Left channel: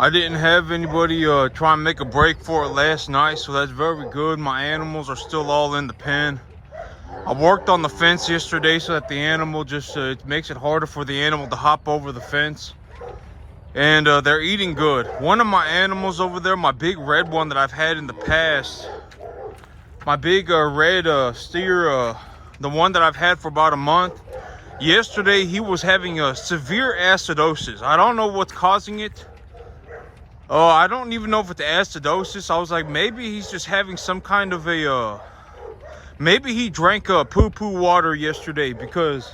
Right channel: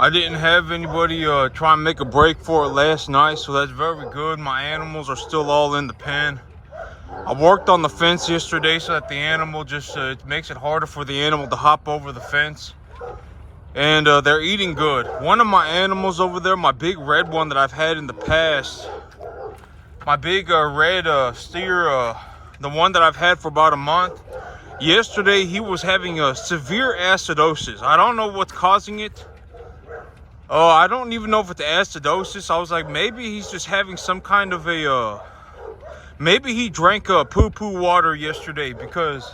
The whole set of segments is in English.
I didn't have anybody try and make a break for it last night, so that's very good. My animals are still all in the pen. I worked on the fence yesterday so that the animal just it makes it harder for the animal to hop over the fence. And they're eating good. One of my animals over there, my big red one that I've had in the past, my big red steer, the one that I've had for about a month, yesterday he was having a severe acidosis. I don't know what's causing it. I don't even know if it's acidosis. I was like, maybe he's just having some kind of a, maybe he drank poo-poo water yesterday, because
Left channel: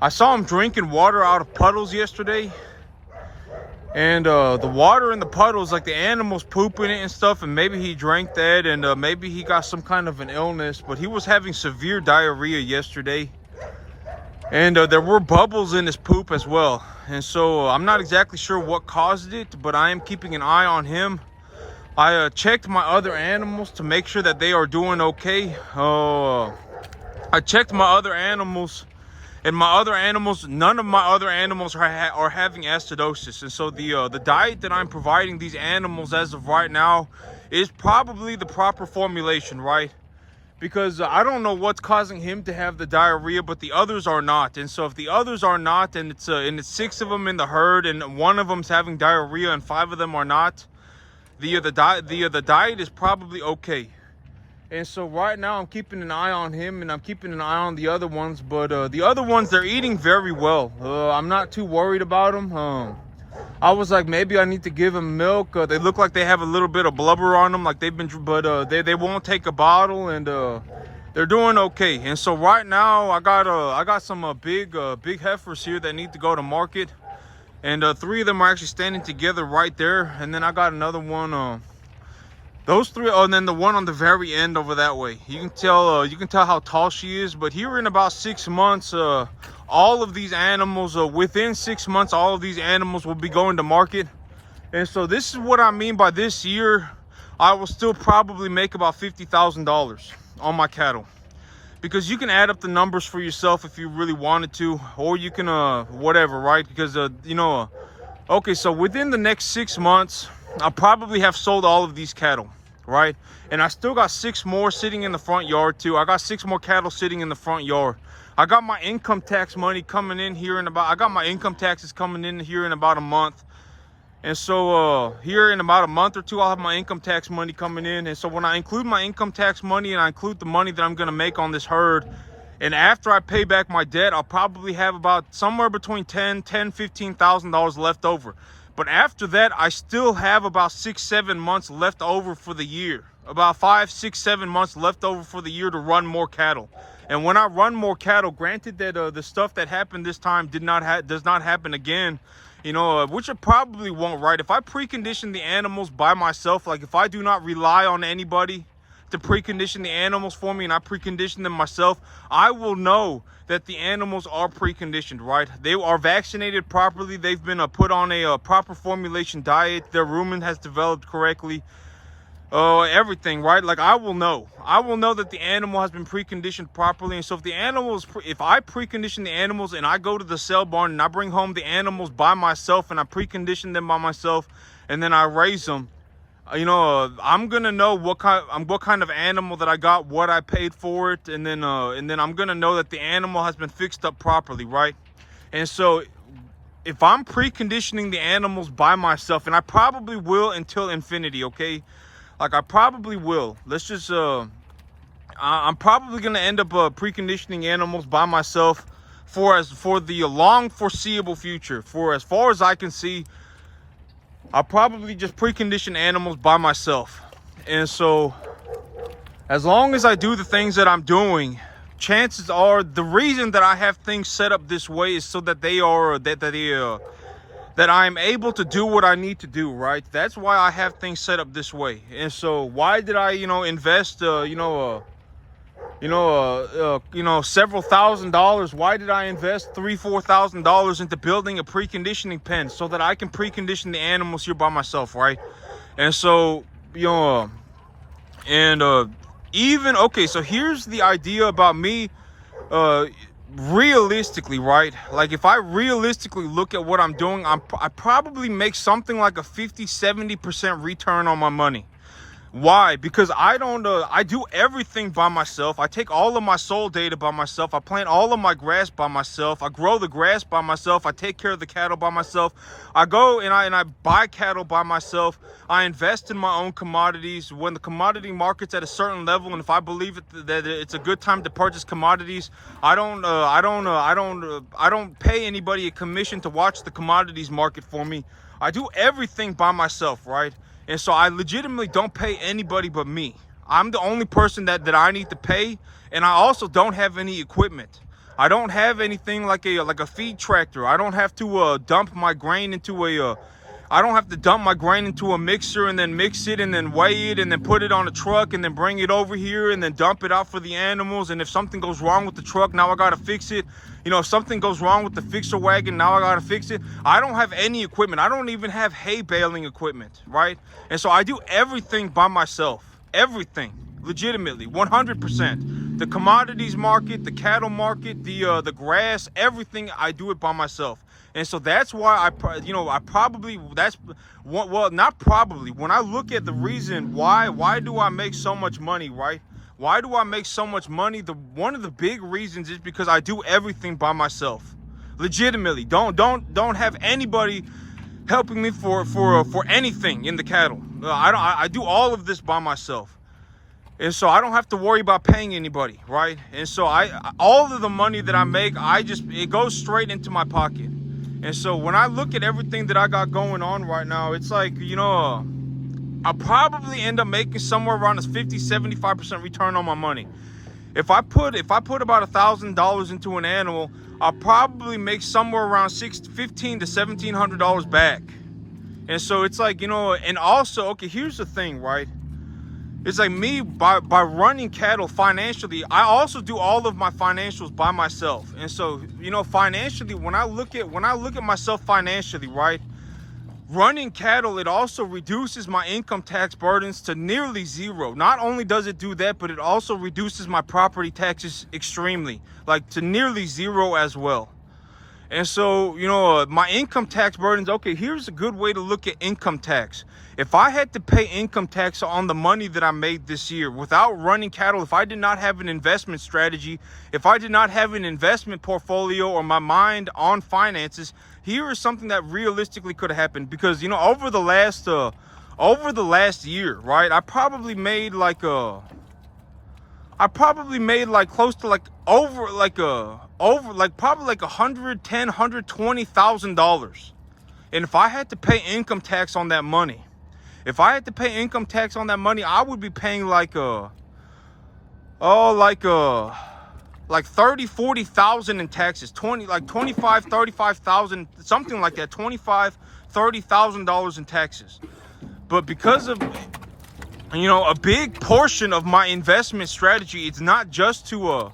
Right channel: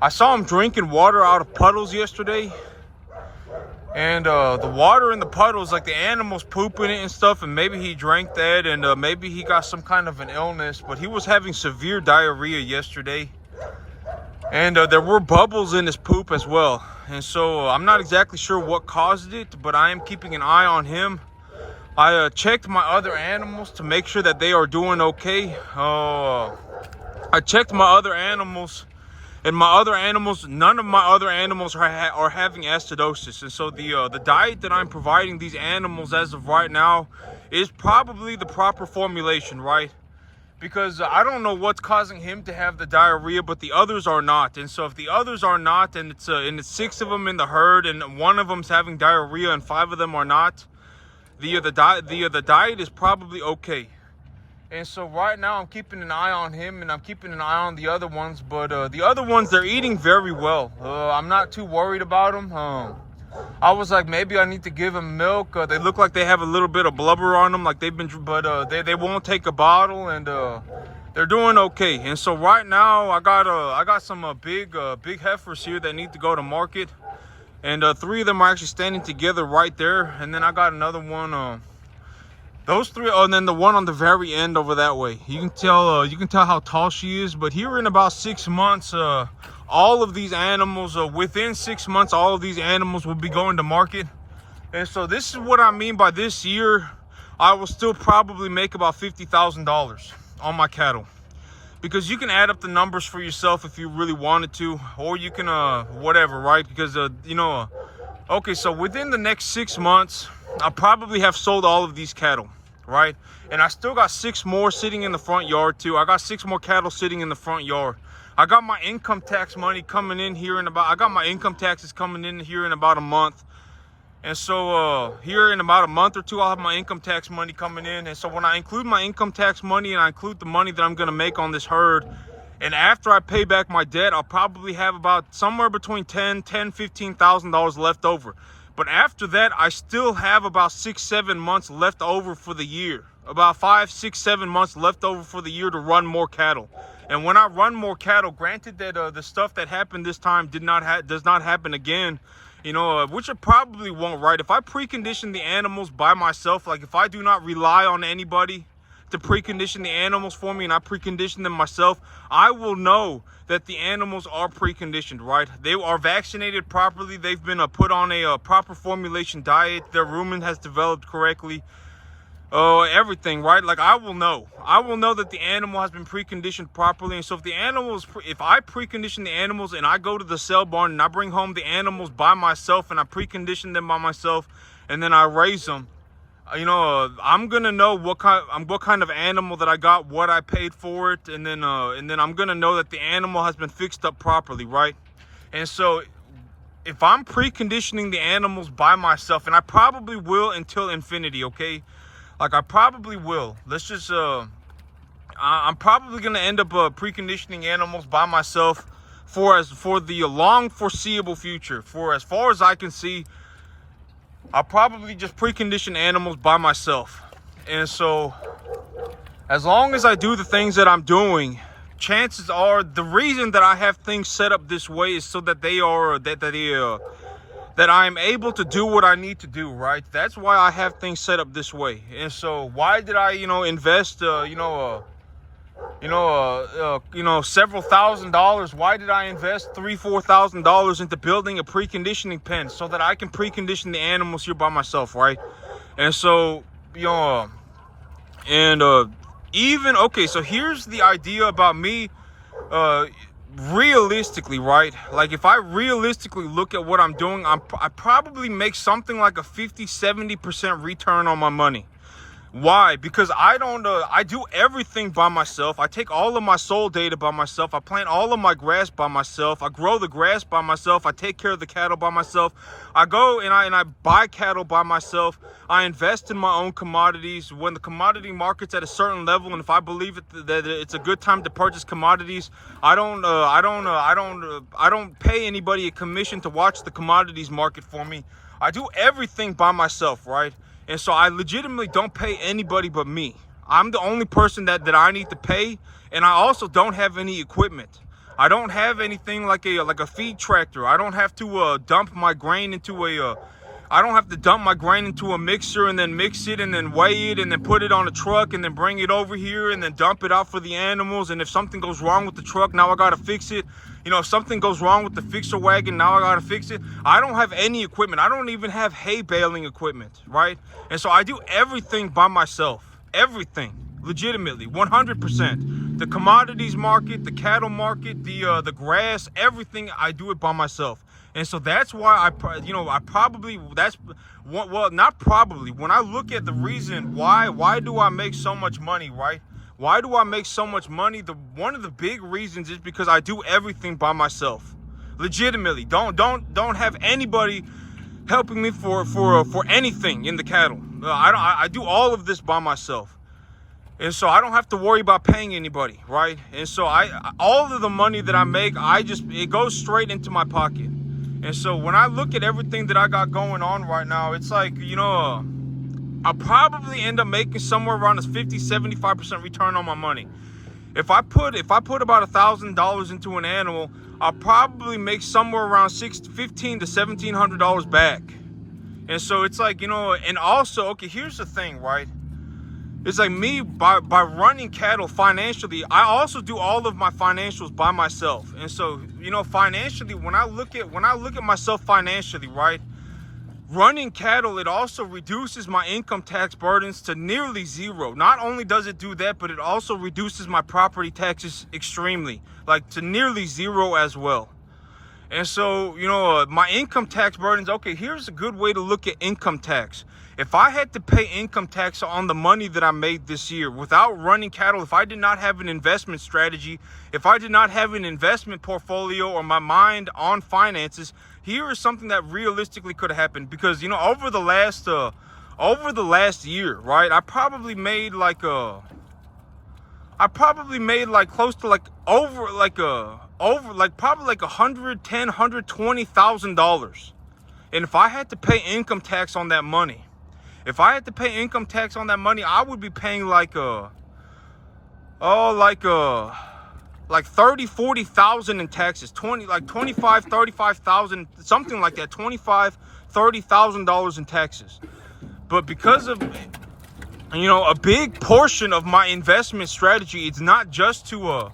I saw him drinking water out of puddles yesterday. And the water in the puddles, like the animals pooping it and stuff, and maybe he drank that, and maybe he got some kind of an illness. But he was having severe diarrhea yesterday. And there were bubbles in his poop as well. And so I'm not exactly sure what caused it, but I am keeping an eye on him. I checked my other animals to make sure that they are doing okay. I checked my other animals, and none of my other animals are having acidosis. And so the diet that I'm providing these animals as of right now is probably the proper formulation, right? Because I don't know what's causing him to have the diarrhea, but the others are not. And so if the others are not, and it's 6 of them in the herd, and 1 of them's having diarrhea and 5 of them are not, the diet is probably okay. And so right now I'm keeping an eye on him, and I'm keeping an eye on the other ones. But the other ones, they're eating very well. I'm not too worried about them. I was like, maybe I need to give them milk. They look like they have a little bit of blubber on them, like they've been, but they won't take a bottle, and they're doing okay. And so right now I got some big heifers here that need to go to market, and 3 of them are actually standing together right there. And then I got another one. Those 3, and then the one on the very end over that way. You can tell how tall she is. But here in about 6 months, all of these animals, within 6 months, all of these animals will be going to market. And so this is what I mean by this year, I will still probably make about $50,000 on my cattle. Because you can add up the numbers for yourself if you really wanted to, or you can, whatever, right? Because, okay, so within the next 6 months, I'll probably have sold all of these cattle, right? And I still got 6 more sitting in the front yard too. I got 6 more cattle sitting in the front yard. I got my income tax money coming in here I got my income taxes coming in here in about a month. And so here in about a month or 2, I'll have my income tax money coming in. And so when I include my income tax money, and I include the money that I'm gonna make on this herd, and after I pay back my debt, I'll probably have about somewhere between $15,000 left over. But after that, I still have about 6-7 months left over for the year. About 5, 6, 7 months left over for the year to run more cattle. And when I run more cattle, granted that the stuff that happened this time does not happen again, which it probably won't, right? If I precondition the animals by myself, like if I do not rely on anybody to precondition the animals for me, and I precondition them myself, I will know that the animals are preconditioned, right? They are vaccinated properly. They've been put on a proper formulation diet. Their rumen has developed correctly. Everything, right? Like I will know that the animal has been preconditioned properly. And so if I precondition the animals, and I go to the sale barn and I bring home the animals by myself, and I precondition them by myself, and then I raise them, I'm gonna know what kind of animal that I got, what I paid for it, and then I'm gonna know that the animal has been fixed up properly, right? And so if I'm preconditioning the animals by myself, and I probably will until infinity, okay? Like I probably will. I'm probably gonna end up preconditioning animals by myself for the long foreseeable future. For as far as I can see, I'll probably just precondition animals by myself. And so as long as I do the things that I'm doing, chances are the reason that I have things set up this way is so that that I'm able to do what I need to do, right? That's why I have things set up this way. And so why did I, invest, several $1,000s? Why did I invest $3,000-$4,000 into building a preconditioning pen so that I can precondition the animals here by myself, right? And so, even, okay, so here's the idea about me realistically, right? Like if I realistically look at what I'm doing, I probably make something like a 50-70% return on my money. Why? Because I don't I do everything by myself. I take all of my soil data by myself. I plant all of my grass by myself. I grow the grass by myself. I take care of the cattle by myself. I go and I buy cattle by myself. I invest in my own commodities. When the commodity market's at a certain level, and if I believe that it's a good time to purchase commodities, I don't pay anybody a commission to watch the commodities market for me. I do everything by myself, right? And so I legitimately don't pay anybody but me. I'm the only person that I need to pay, and I also don't have any equipment. I don't have anything like a feed tractor. I don't have to dump my grain into I don't have to dump my grain into a mixer and then mix it and then weigh it and then put it on a truck and then bring it over here and then dump it out for the animals. And if something goes wrong with the truck, now I gotta fix it. You know, if something goes wrong with the fixer wagon, now I gotta fix it. I don't have any equipment. I don't even have hay baling equipment, right? And so I do everything by myself. Everything, legitimately, 100%. The commodities market, the cattle market, the grass, everything, I do it by myself. And so that's why not probably, when I look at the reason why do I make so much money, right? Why do I make so much money? One of the big reasons is because I do everything by myself. Legitimately, don't have anybody helping me for anything in the cattle. I do all of this by myself. And so I don't have to worry about paying anybody, right? And so all of the money that I make, it goes straight into my pocket. And so when I look at everything that I got going on right now, it's like, you know, I'll probably end up making somewhere around a 50-75% return on my money. If I put about $1,000 into an animal, I'll probably make somewhere around $1,500 to $1,700 back. And so it's like, you know, and also, okay, here's the thing, right? It's like me, by running cattle financially, I also do all of my financials by myself. And so, you know, financially, when I look at myself financially, right, running cattle, it also reduces my income tax burdens to nearly zero. Not only does it do that, but it also reduces my property taxes extremely, like to nearly zero as well. And so, you know, my income tax burdens, okay, here's a good way to look at income tax. If I had to pay income tax on the money that I made this year without running cattle, if I did not have an investment strategy, if I did not have an investment portfolio or my mind on finances, here is something that realistically could have happened. Because, you know, over the last year, right, I probably made like close to like probably like $120,000. And if I had to pay income tax on that money, I would be paying like 30,000-40,000 in taxes, 25,000-35,000, something like that, $25,000-$30,000 in taxes. But because of, you know, a big portion of my investment strategy, it's not just to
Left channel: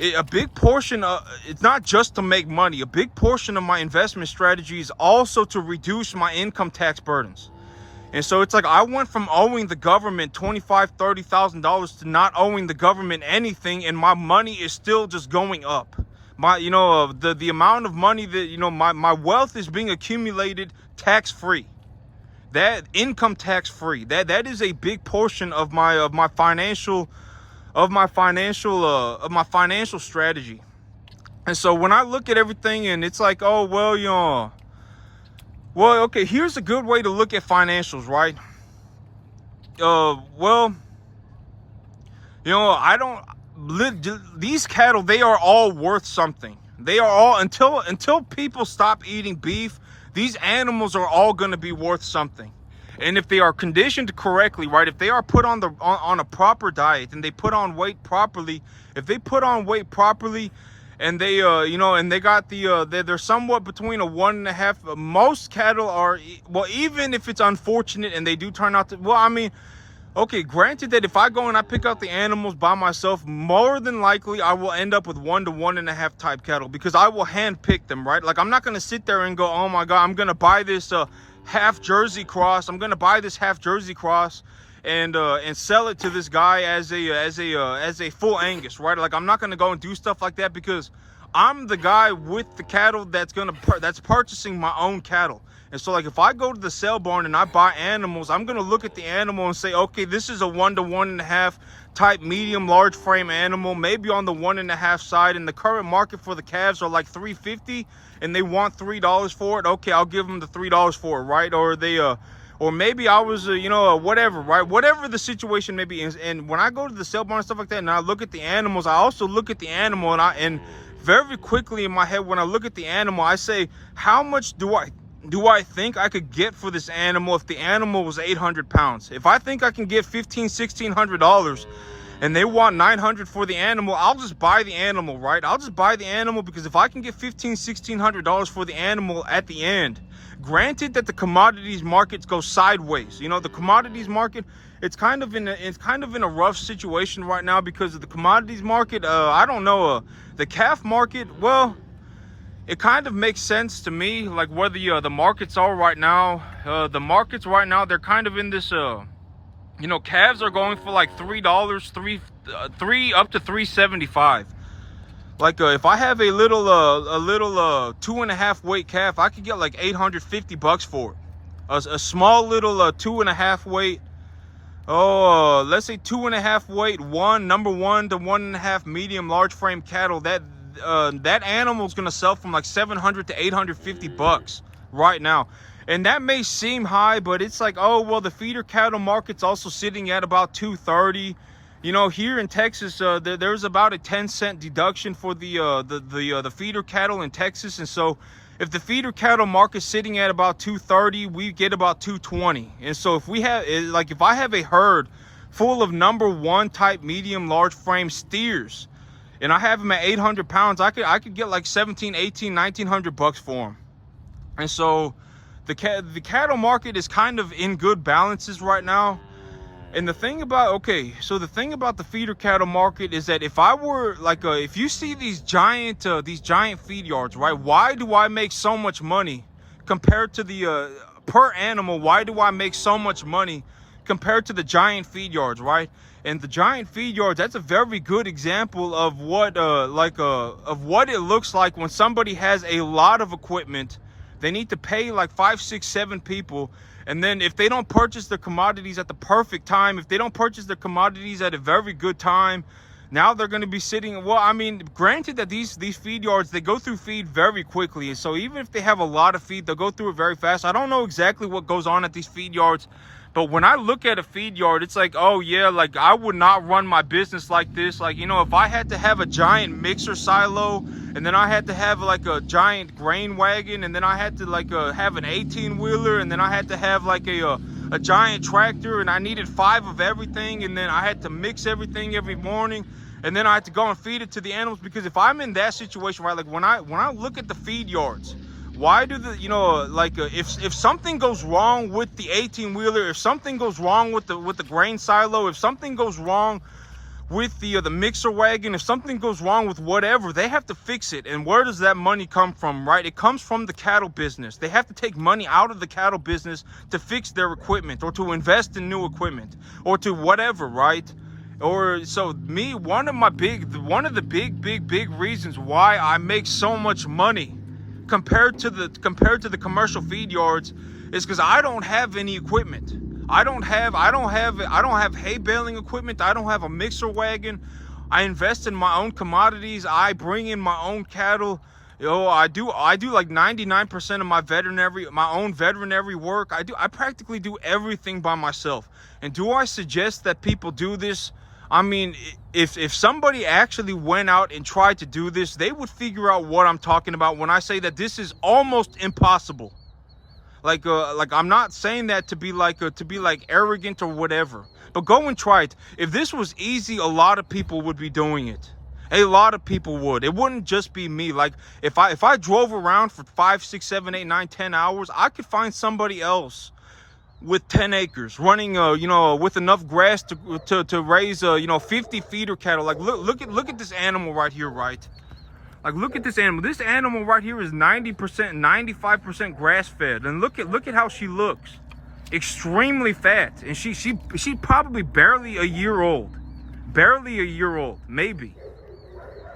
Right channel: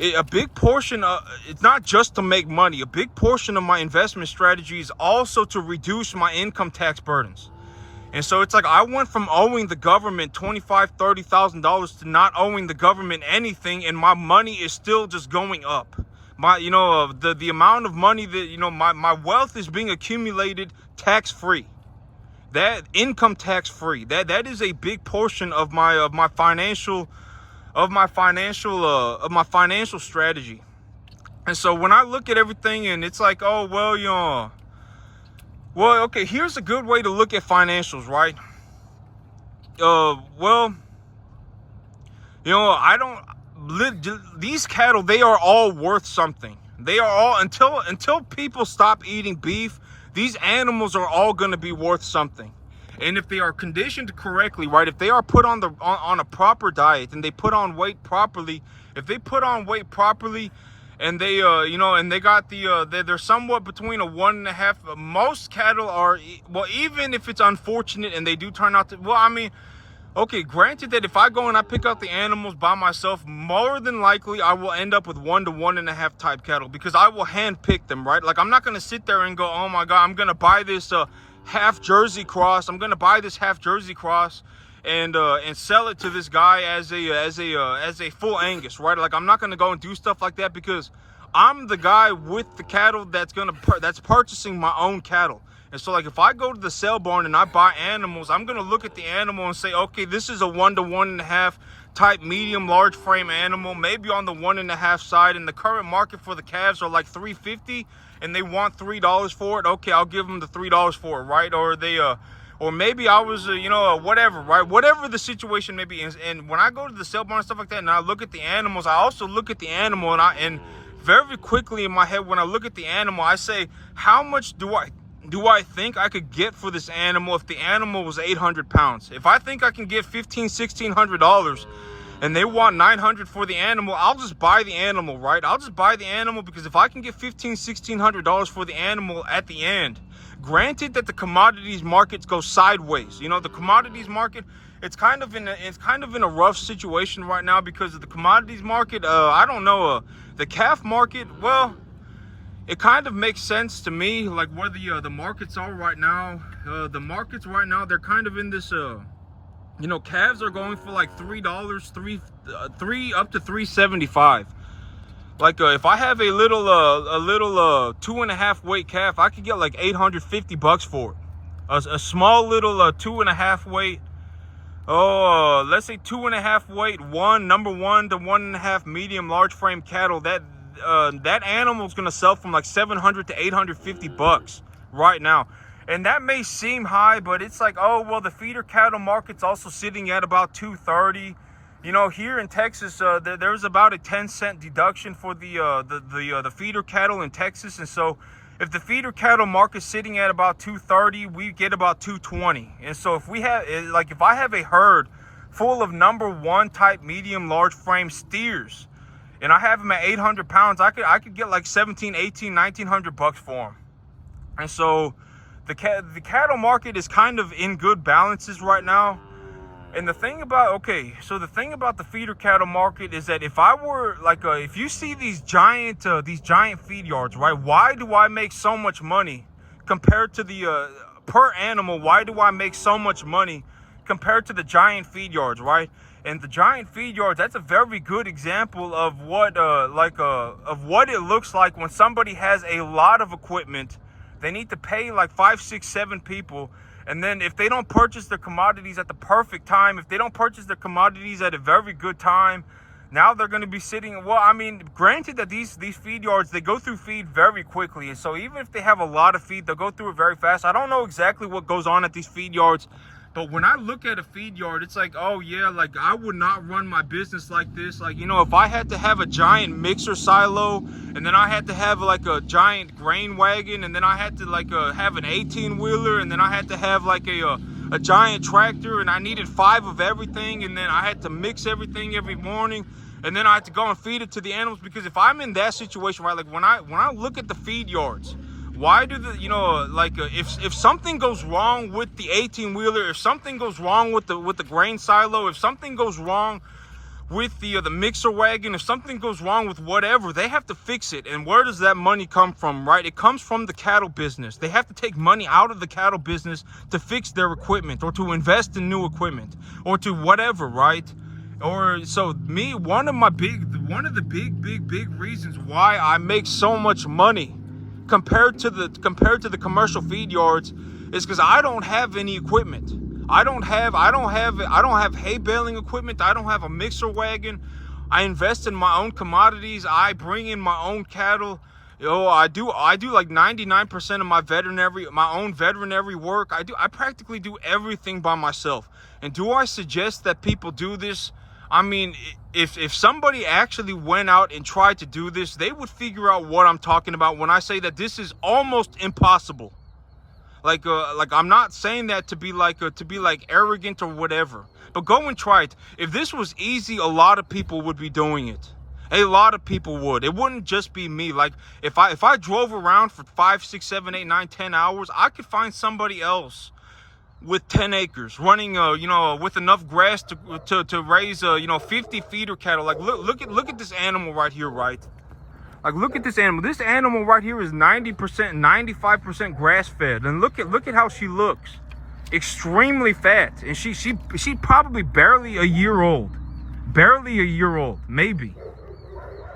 it's not just to make money. A big portion of my investment strategy is also to reduce my income tax burdens. And so it's like I went from owing the government $25,000-$30,000 to not owing the government anything, and my money is still just going up. The amount of money that, you know, my wealth is being accumulated tax-free. That income tax-free. That is a big portion of my financial strategy. And so when I look at everything, and it's like, oh, well, you know, well, okay, here's a good way to look at financials, right? Well, you know, these cattle, they are all worth something. They are all, until people stop eating beef, these animals are all going to be worth something. And if they are conditioned correctly, right, if they are put on a proper diet and they put on weight properly, and they you know, and they got they're somewhat between a 1.5, most cattle are, well, even if it's unfortunate and they do turn out to, well, I mean, okay, granted that if I go and I pick out the animals by myself, more than likely I will end up with 1 to 1.5 type cattle, because I will hand pick them, right? Like, I'm not going to sit there and go, oh my God, I'm going to buy this half Jersey cross. and sell it to this guy as a full Angus, right? Like, I'm not gonna go and do stuff like that because I'm the guy with the cattle that's purchasing my own cattle. And so, like, if I go to the sale barn and I buy animals, I'm gonna look at the animal and say, okay, this is a 1 to 1.5 type medium large frame animal, maybe on the 1.5 side, and the current market for the calves are like $3.50 and they want $3 for it. Okay, I'll give them the $3 for it, right? Or they or maybe I was whatever, right? Whatever the situation may be. And when I go to the sale barn and stuff like that and I look at the animals, I also look at the animal and very quickly in my head, when I look at the animal, I say, how much do I think I could get for this animal if the animal was 800 pounds? If I think I can get $1,600 and they want 900 for the animal, I'll just buy the animal, right? I'll just buy the animal, because if I can get $1,600 for the animal at the end, granted that the commodities markets go sideways, the commodities market, it's kind of in a rough situation right now because of the commodities market. I don't know, the calf market, well, it kind of makes sense to me, like where the markets are right now. The markets right now, they're kind of in this, calves are going for like $3, three up to $3.75. Like if I have a little 2.5 weight calf, I could get like $850 for it. A small little 2.5 weight, let's say 2.5 weight, number 1 to 1.5 medium large frame cattle, that animal's gonna sell from like $700 to $850 right now. And that may seem high, but it's like, oh well, the feeder cattle market's also sitting at about $230. Here in Texas, there's about a 10-cent deduction for the feeder cattle in Texas, and so if the feeder cattle market's sitting at about $230, we get about $220. And so if I have a herd full of number 1 type medium large frame steers, and I have them at 800 pounds, I could get like $1,700, $1,800, $1,900 for them. And so the cattle market is kind of in good balances right now. And the thing about the feeder cattle market is that if I were like, if you see these giant feed yards, right? Why do I make so much money compared to the per animal? Why do I make so much money compared to the giant feed yards, right? And the giant feed yards, that's a very good example of what of what it looks like when somebody has a lot of equipment. They need to pay like 5, 6, 7 people. And then if they don't purchase their commodities at the perfect time, if they don't purchase their commodities at a very good time, now they're going to be sitting, well, I mean, granted that these feed yards, they go through feed very quickly. And so even if they have a lot of feed, they'll go through it very fast. I don't know exactly what goes on at these feed yards, but when I look at a feed yard, it's like, oh yeah, like I would not run my business like this. Like, if I had to have a giant mixer silo, and then I had to have like a giant grain wagon, and then I had to like have an 18-wheeler, and then I had to have like a giant tractor, and I needed 5 of everything, and then I had to mix everything every morning, and then I had to go and feed it to the animals. Because if I'm in that situation, right, like when I look at the feed yards, why do if something goes wrong with the 18-wheeler, if something goes wrong with the grain silo, if something goes wrong with the mixer wagon, if something goes wrong with whatever, they have to fix it. And where does that money come from, right? It comes from the cattle business. They have to take money out of the cattle business to fix their equipment, or to invest in new equipment, or to whatever, right? Or so me, one of the big reasons why I make so much money compared to the commercial feed yards is because I don't have any equipment. I don't have hay baling equipment. I don't have a mixer wagon. I invest in my own commodities. I bring in my own cattle. I do like 99% of my own veterinary work. I practically do everything by myself. And do I suggest that people do this? I mean, if somebody actually went out and tried to do this, they would figure out what I'm talking about when I say that this is almost impossible. Like I'm not saying that to be like arrogant or whatever, but go and try it. If this was easy, a lot of people would be doing it. A lot of people would. It wouldn't just be me. Like if I drove around for 5, 6, 7, 8, 9, 10 hours, I could find somebody else with 10 acres running with enough grass to raise 50 feeder cattle. Like look at this animal right here, right? Like look at this animal. This animal right here is 90%, 95% grass fed. And look at how she looks. extremely fat, and she probably barely a year old, maybe.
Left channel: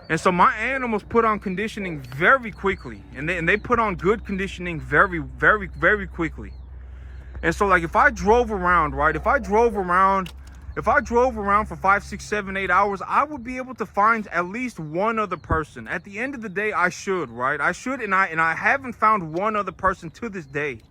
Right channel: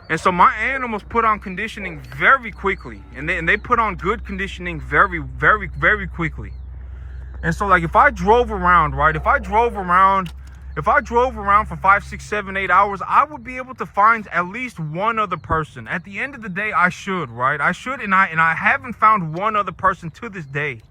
And so my animals put on conditioning very quickly, and they put on good conditioning very quickly. And so, like, if I drove around, right, if I drove around for 5, 6, 7, 8 hours, I would be able to find at least one other person. At the end of the day, I should, right? I should, and I haven't found one other person to this day.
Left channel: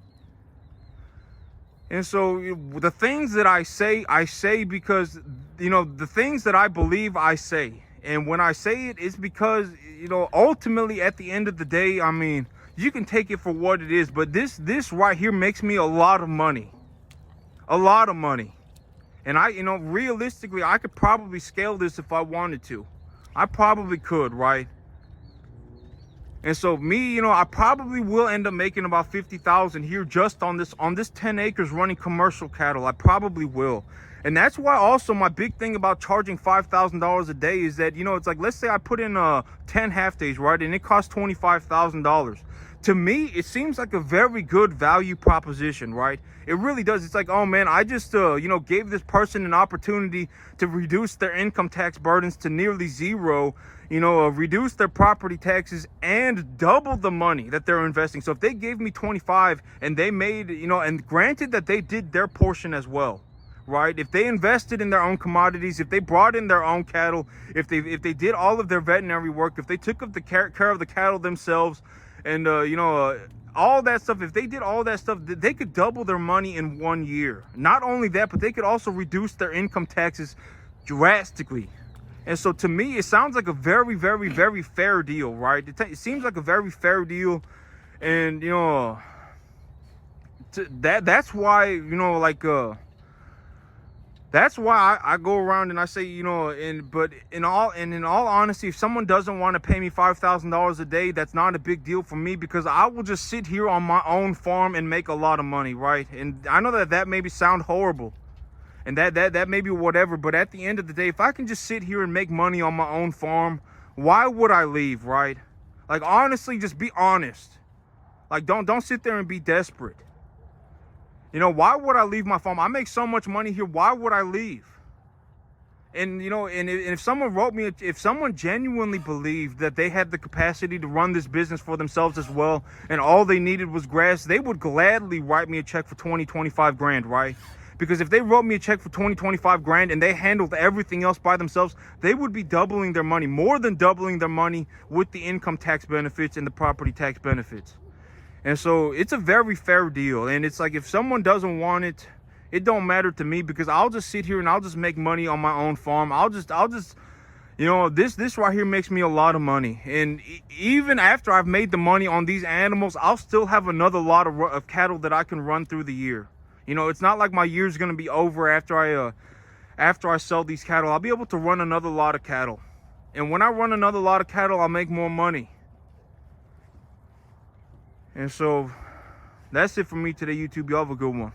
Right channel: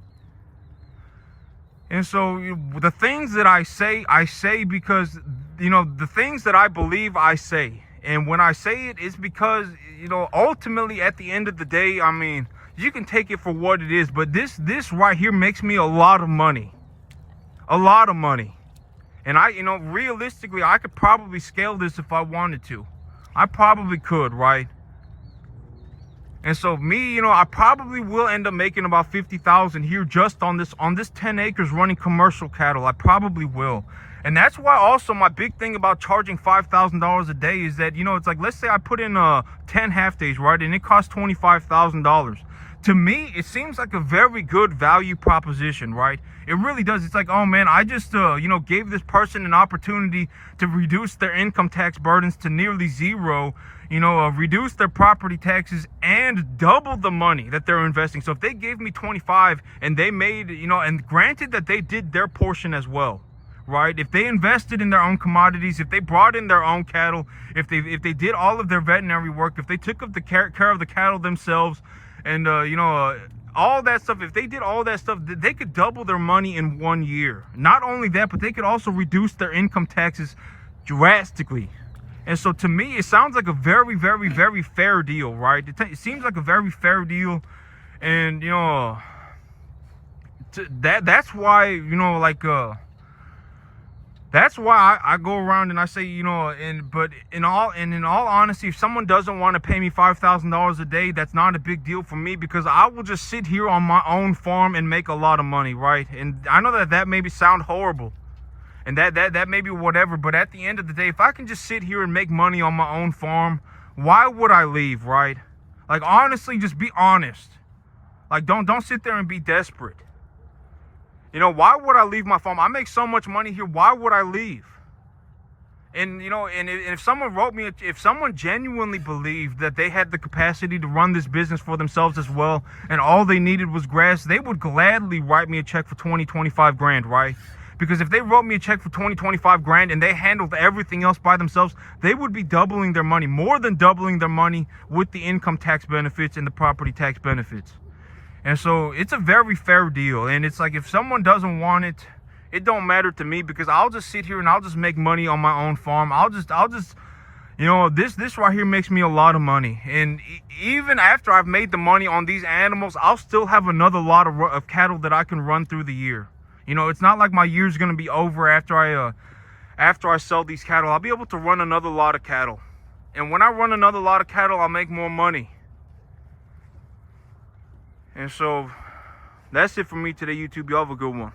And so the things that I say because, you know, the things that I believe, I say. And when I say it, it's because, you know, ultimately at the end of the day, I mean, you can take it for what it is, but this right here makes me a lot of money. A lot of money. And you know, realistically, I could probably scale this if I wanted to. I probably could, right? And so me, you know, I probably will end up making about 50,000 here just on this 10 acres running commercial cattle. I probably will. And that's why also my big thing about charging $5,000 a day is that, you know, it's like, let's say I put in 10 half days, right? And it costs $25,000. To me, it seems like a very good value proposition, right? It really does. It's like, oh man, I just, you know, gave this person an opportunity to reduce their income tax burdens to nearly zero, you know, reduce their property taxes and double the money that they're investing. So if they gave me 25 and they made, you know, and granted that they did their portion as well, right? If they invested in their own commodities, if they brought in their own cattle, if they did all of their veterinary work, if they took up the care of the cattle themselves, and you know, all that stuff, if they did all that stuff, they could double their money in 1 year. Not only that, but they could also reduce their income taxes drastically. And so to me, it sounds like a very fair deal, right? It seems like a very fair deal. And you know, that's why, you know, like that's why I go around and I say, you know, but in all honesty, if someone doesn't want to pay me $5,000 a day, that's not a big deal for me, because I will just sit here on my own farm and make a lot of money, right? And I know that maybe sound horrible, and that may be whatever, but at the end of the day, if I can just sit here and make money on my own farm, why would I leave, right? Like, honestly, just be honest. Like, don't sit there and be desperate. You know, why would I leave my farm? I make so much money here. Why would I leave? And, you know, and if someone wrote me, if someone genuinely believed that they had the capacity to run this business for themselves as well, and all they needed was grass, they would gladly write me a check for 20, 25 grand, right? Because if they wrote me a check for 20, 25 grand and they handled everything else by themselves, they would be doubling their money, more than doubling their money with the income tax benefits and the property tax benefits. And so it's a very fair deal. And it's like, if someone doesn't want it, it don't matter to me, because I'll just sit here and I'll just make money on my own farm. I'll just, you know, this right here makes me a lot of money. And even after I've made the money on these animals, I'll still have another lot of cattle that I can run through the year. You know, it's not like my year's going to be over after I sell these cattle. I'll be able to run another lot of cattle. And when I run another lot of cattle, I'll make more money. And so that's it for me today, YouTube. Y'all have a good one.